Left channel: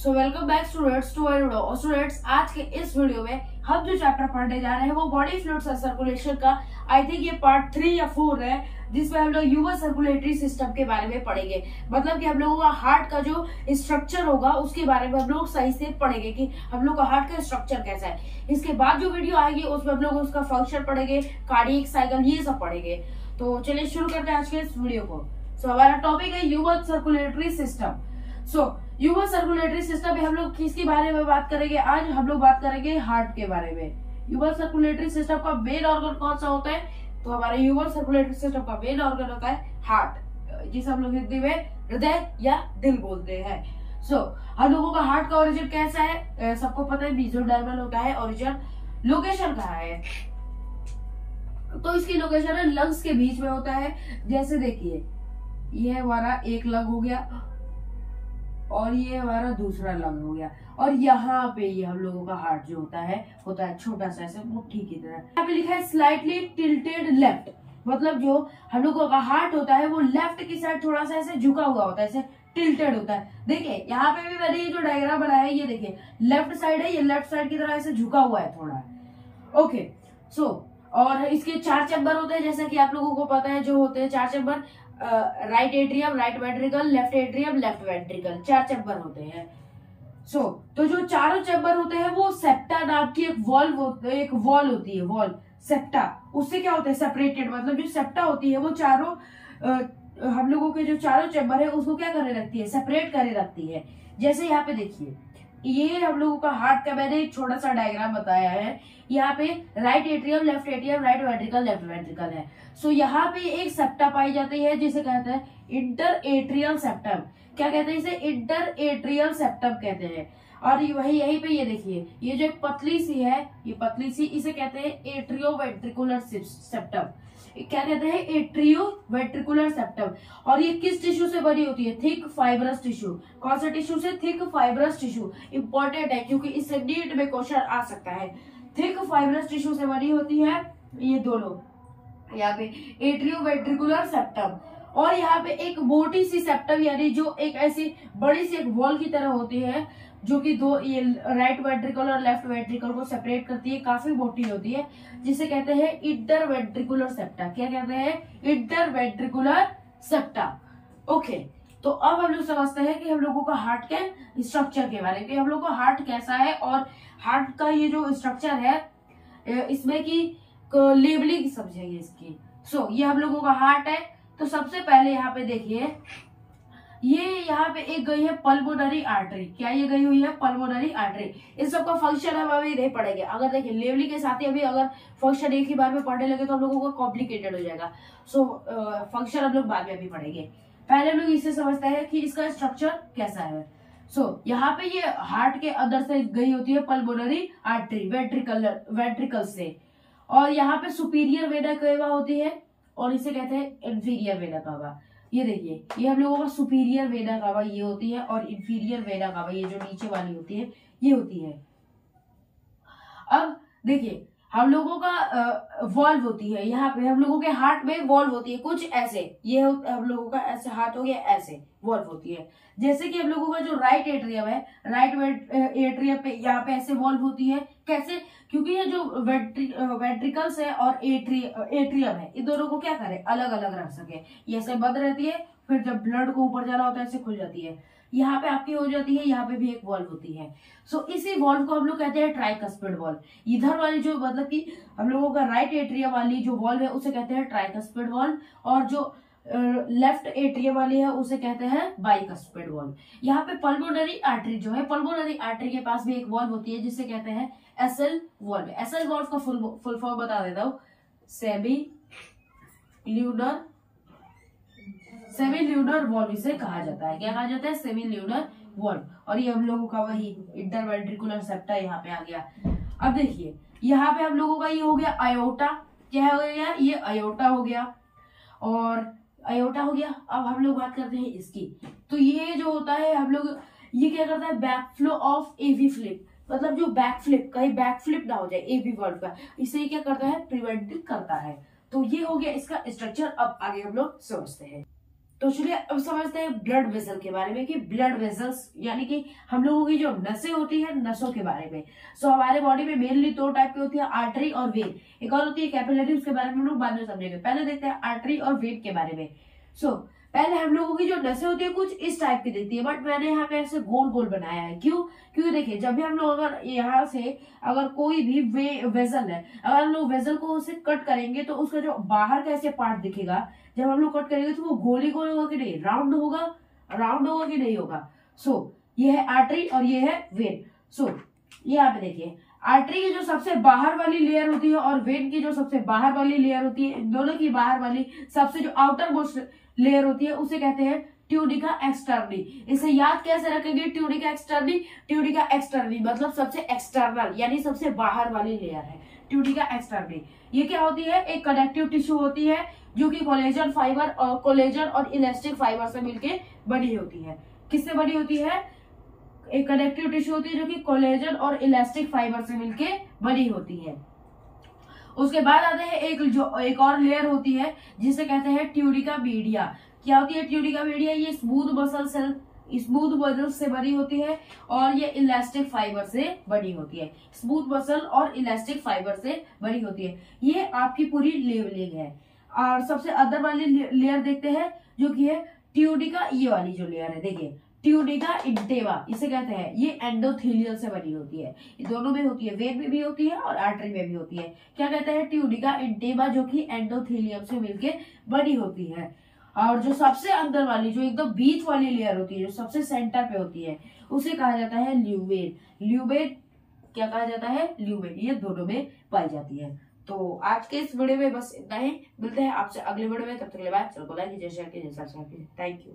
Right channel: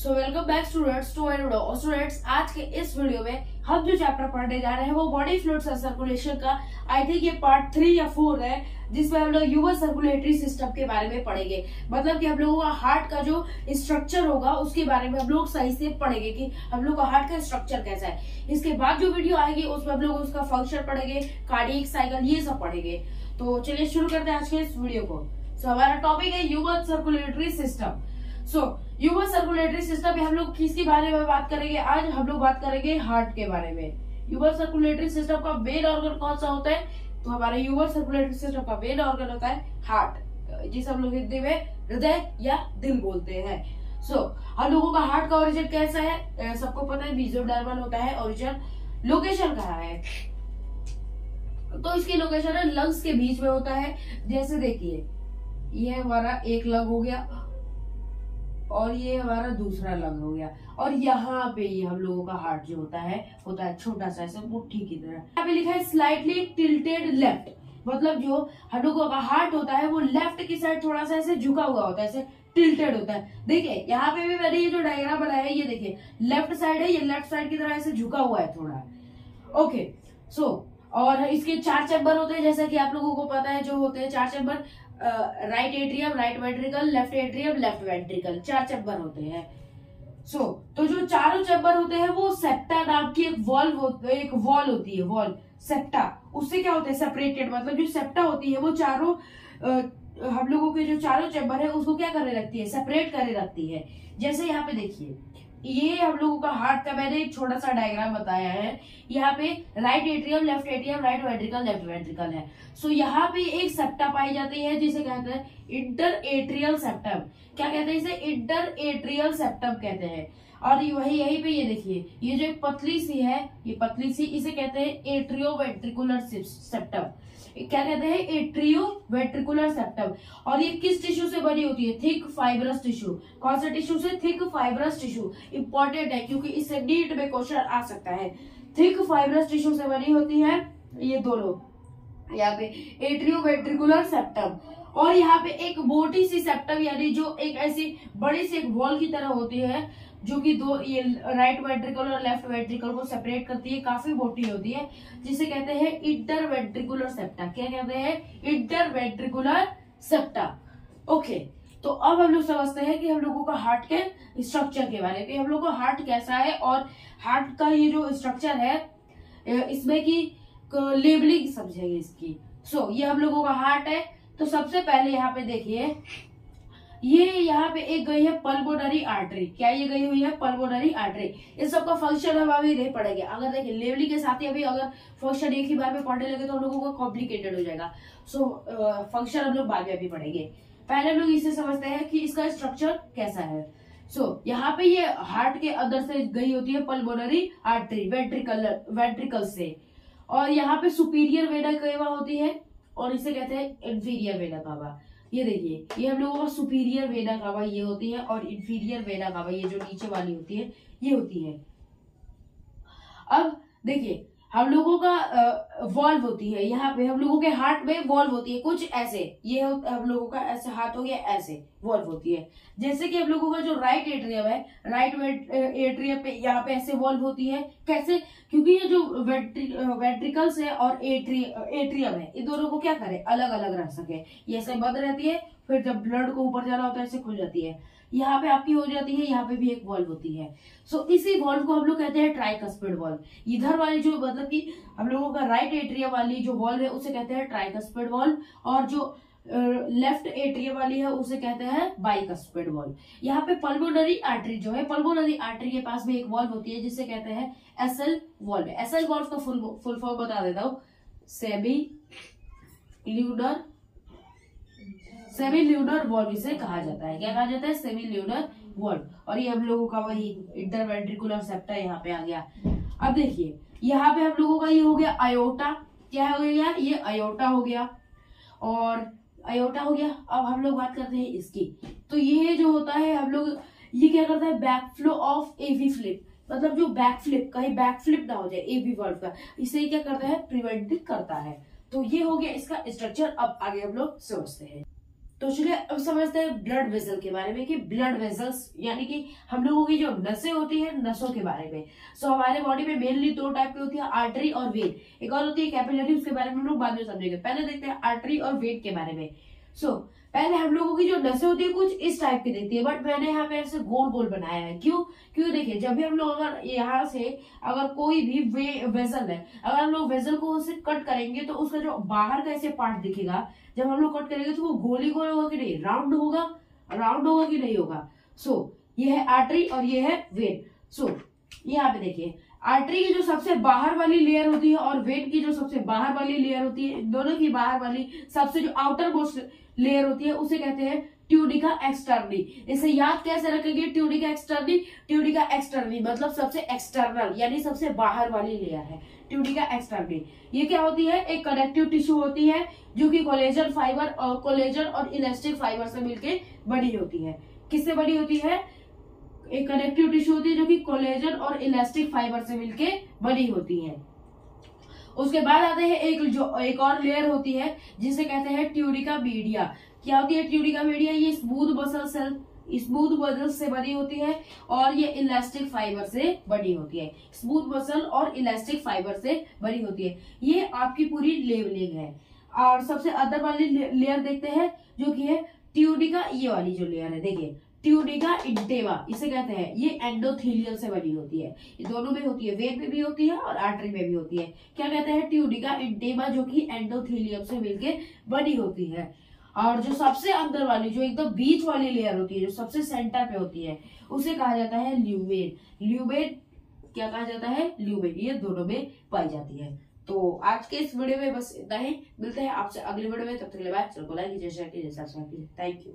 So welcome back students to और students, आज के इस वीडियो में हम जो चैप्टर पढ़ने जा रहे हैं वो बॉडी फ्लूइड्स एंड सर्कुलेशन का आई थिंक ये पार्ट 3 या 4 है, जिसमें हम लोग ह्यूमन सर्कुलेटरी सिस्टम के बारे में पढ़ेंगे। मतलब कि हम लोगों का हार्ट का जो स्ट्रक्चर होगा उसके बारे में हम लोग सही से पढ़ेंगे कि हम लोग का हार्ट का स्ट्रक्चर कैसा है। इसके बाद जो वीडियो आएगी उसमें हम लोग उसका फंक्शन पढ़ेंगे, कार्डियक साइकिल, ये सब पढ़ेंगे। तो चलिए शुरू करते हैं आज के इस वीडियो को। हमारा टॉपिक है human circulatory system. Human circulatory system में हम लोग किसके बारे में बात करेंगे? आज हम लोग बात करेंगे हार्ट के बारे में। ह्यूमन सर्कुलेटरी सिस्टम का मेन ऑर्गन कौन सा होता है? तो हमारे ह्यूमन सर्कुलेटरी सिस्टम का मेन ऑर्गन होता है हार्ट, जिसे हम लोग हिंदी में हृदय या दिल बोलते हैं। हम लोगों का हार्ट का ओरिजिन कैसा है? सबको पता है, मेसोडर्मल होता है ओरिजिन। लोकेशन कहाँ है? तो इसकी लोकेशन है लंग्स के बीच में होता है। जैसे देखिए, ये हमारा एक लंग हो गया और ये हमारा दूसरा लंग हो गया, और यहाँ पे ये हम लोगों का हार्ट जो होता है छोटा सा, ऐसे मुट्ठी की तरह। यहाँ पे लिखा है स्लाइटली टिल्टेड लेफ्ट, मतलब जो हम लोगों का हार्ट होता है वो लेफ्ट की साइड थोड़ा सा ऐसे झुका हुआ होता है, ऐसे टिल्टेड होता है। देखिए यहाँ पे भी मैंने ये जो डायग्राम बनाया है, ये देखिए लेफ्ट साइड है, ये लेफ्ट साइड की तरह ऐसे झुका हुआ है थोड़ा। ओके, और इसके 4 चैम्बर होते हैं, जैसा कि आप लोगों को पता है। जो होते हैं 4 chamber, right atrium, right ventricle, left atrium, left ventricle, 4 chamber होते हैं। तो जो चारों चैम्बर होते हैं वो सेप्टा नाम की एक वॉल होती है, वॉल सेप्टा। उससे क्या होता है? सेपरेटेड, मतलब जो सेप्टा होती है वो चारों हम लोगों के जो चारों चैम्बर है उसको क्या करे रखती है? सेपरेट करे रखती है। जैसे यहाँ पे देखिए, ये हम लोगों का हार्ट का मैंने एक छोटा सा डायग्राम बताया है। यहाँ पे right atrium, left atrium, right ventricle, left ventricle है। यहाँ पे एक सेप्टा पाई जाती है जिसे कहते हैं इंटर एट्रियल सेप्टम। क्या कहते हैं इसे? इंटर एट्रियल सेप्टम कहते हैं। और वही यहीं पे ये देखिए, ये जो एक पतली सी है, ये पतली सी, इसे कहते हैं एट्रियो वेंट्रिकुलर सेप्टम। क्या कहते हैं? Atrio ventricular septum. और ये किस टिश्यू से बनी होती है? Thick fibrous tissue. कौन सा टिश्यू से? Thick fibrous tissue. इंपॉर्टेंट है क्योंकि इससे नीट में क्वेश्चन आ सकता है। थिक फाइब्रस टिश्यू से बनी होती है ये दोनों, यहाँ पे एट्रियो वेंट्रिकुलर सेप्टम। और यहाँ पे एक मोटी सी सेप्टम, यानी जो एक ऐसी बड़ी सी एक वॉल की तरह होती है, जो कि दो ये राइट वेंट्रिकल और लेफ्ट वेंट्रिकल को सेपरेट करती है, काफी मोटी होती है, जिसे कहते हैं इंटर वेंट्रिकुलर सेप्टा। क्या कहते हैं? Inter ventricular septa. ओके, तो अब हम लोग समझते हैं कि हम लोगों का हार्ट के स्ट्रक्चर के बारे में, हम लोग का हार्ट कैसा है और हार्ट का ये जो स्ट्रक्चर है इसमें की लेबलिंग समझेंगे इसकी। ये हम लोगों का हार्ट है। तो सबसे पहले यहाँ पे देखिए, ये यहाँ पे एक गई है पल्मोनरी आर्टरी। क्या ये गई हुई है? Pulmonary artery. इस सब का फंक्शन हम अभी नहीं पढ़ेंगे। अगर देखिए लेवलिंग के साथ ही अभी अगर फंक्शन एक ही बार में पढ़ने लगे तो हम लोगों को कॉम्प्लिकेटेड हो जाएगा। फंक्शन हम लोग बाद में अभी पढ़ेंगे। पहले लोग इसे समझते हैं कि इसका स्ट्रक्चर कैसा है। यहाँ पे ये हार्ट के अंदर से गई होती है पल्मोनरी आर्टरी वेंट्रिकल से, और यहाँ पे सुपीरियर वेना केवा होती है और इसे कहते हैं इंफीरियर वेना कावा। ये देखिए, ये हम लोगों का सुपीरियर वेना कावा ये होती है, और इंफीरियर वेना कावा ये जो नीचे वाली होती है ये होती है। अब देखिए, हम लोगों का वॉल्व होती है, यहाँ पे हम लोगों के हार्ट में वॉल्व होती है कुछ ऐसे। ये हम लोगों का ऐसे हाथ हो गया, ऐसे वॉल्व होती है। जैसे कि हम लोगों का जो राइट एट्रियम है, राइट एट्रियम पे यहाँ पे ऐसे वॉल्व होती है। कैसे? क्योंकि ये जो वेंट्रिकल्स है और एट्रियम है, इन दोनों को क्या करे? अलग अलग रख सके। ये ऐसे बंद रहती है, फिर जब ब्लड को ऊपर जाना होता है ऐसे खुल जाती है। यहाँ पे आपकी हो जाती है, यहाँ पे भी एक वॉल्व होती है। इसी वॉल्व को हम लोग कहते हैं ट्राइकस्पिड वॉल्व। इधर वाली जो मतलब कि हम लोगों का राइट एट्रियम वाली जो वॉल्व है उसे कहते हैं ट्राइकस्पिड वॉल्व, और जो लेफ्ट एट्रियम वाली है उसे कहते हैं बाइकस्पिड वॉल्व। यहाँ पे पल्मोनरी आर्टरी जो है, पल्मोनरी आर्टरी के पास भी एक वॉल्व होती है जिसे कहते हैं एसएल वॉल्व। एसएल वॉल्व का फुल फॉर्म बता देता हूँ, सेमी ल्यूनर वॉल्व इसे कहा जाता है। क्या कहा जाता है? Semi lunar valve. और ये हम लोगों का वही इंटरवेंट्रिकुलर सेप्टा यहाँ पे आ गया। अब देखिए, यहाँ पे हम लोगों का ये हो गया आयोटा। क्या हो गया? ये आयोटा हो गया, और आयोटा हो गया। अब हम लोग बात करते हैं इसकी। तो ये जो होता है हम लोग, ये क्या करता है? Back flow of AV flip, मतलब जो बैक फ्लिप, कहीं बैक फ्लिप ना हो जाए एवी वॉल्व का, इसे क्या करता है? प्रिवेंट करता है। तो ये हो गया इसका स्ट्रक्चर। अब आगे हम लोग समझते हैं। तो चलिए अब समझते हैं ब्लड वेसल के बारे में कि ब्लड वेसल्स यानी कि हम लोगों की जो नसें होती है नसों के बारे में। सो हमारे बॉडी में मेनली 2 टाइप की होती है, आर्टरी और वेन। एक और होती है कैपिलरी, उसके बारे में हम लोग बाद में समझेंगे। पहले देखते हैं आर्टरी और वेन के बारे में। सो पहले हम लोगों की जो नसें होती है कुछ इस टाइप की दिखती है, बट मैंने यहाँ पे ऐसे गोल गोल बनाया है। क्यों? क्योंकि देखिए जब भी हम लोग अगर यहाँ से अगर कोई भी वेसल है, अगर हम लोग वेसल को उसे कट करेंगे तो उसका जो बाहर का ऐसे पार्ट दिखेगा, जब हम लोग कट करेंगे तो वो गोल ही गोल होगा कि नहीं, राउंड होगा, राउंड होगा कि नहीं होगा। सो ये है आर्टरी और ये है वेन। सो यहाँ पे देखिए आर्टरी की जो सबसे बाहर वाली लेयर होती है और वेन की जो सबसे बाहर वाली लेयर होती है, इन दोनों की बाहर वाली सबसे जो आउटर मोस्ट लेयर होती है उसे कहते हैं ट्यूडिका एक्सटर्नी। इसे याद कैसे रखेंगे? ट्यूडिका एक्सटर्नी, ट्यूडिका एक्सटर्नी मतलब सबसे एक्सटर्नल यानी सबसे बाहर वाली लेयर है ट्यूडिका एक्सटर्नी। ये क्या होती है? एक कनेक्टिव टिश्यू होती है जो कि कोलेजन फाइबर और कोलेजन और इलास्टिक फाइबर से मिलकर बनी होती है। किससे बनी होती है? एक कनेक्टिव टिश्यू होती है जो कि कोलेजन और इलास्टिक फाइबर से मिलकर बनी होती है। उसके बाद आते हैं एक और लेयर होती है जिसे कहते हैं ट्यूडिका मीडिया। क्या होती है ट्यूडिका मीडिया? ये स्मूथ मसल से बनी होती है और ये इलास्टिक फाइबर से बनी होती है। स्मूथ मसल और इलास्टिक फाइबर से बनी होती है। ये आपकी पूरी लेवलिंग है। और सबसे अंदर वाली लेयर देखते हैं जो कि है ट्यूडिका, ये वाली जो लेयर है देखिए ट्यूडिका इंटेमा इसे कहते हैं। ये एंडोथेलियम से बनी होती है। ये दोनों में होती है, वेन में भी होती है और आर्टरी में भी होती है। क्या कहते हैं? ट्यूडिका इंटेमा, जो कि एंडोथेलियम से मिलके बनी होती है। और जो सबसे अंदर वाली जो एकदम बीच वाली लेयर होती है, जो सबसे सेंटर पे होती है, उसे कहा जाता है ल्यूमेन। ल्यूमेन क्या कहा जाता है? ल्यूमेन। ये दोनों में पाई जाती है। तो आज के इस वीडियो में बस इतना ही। मिलते हैं आपसे अगले वीडियो में, तब तक के लिए बाय। चलो लाइक कीजिए, शेयर कीजिए, सब्सक्राइब कीजिए। Thank you.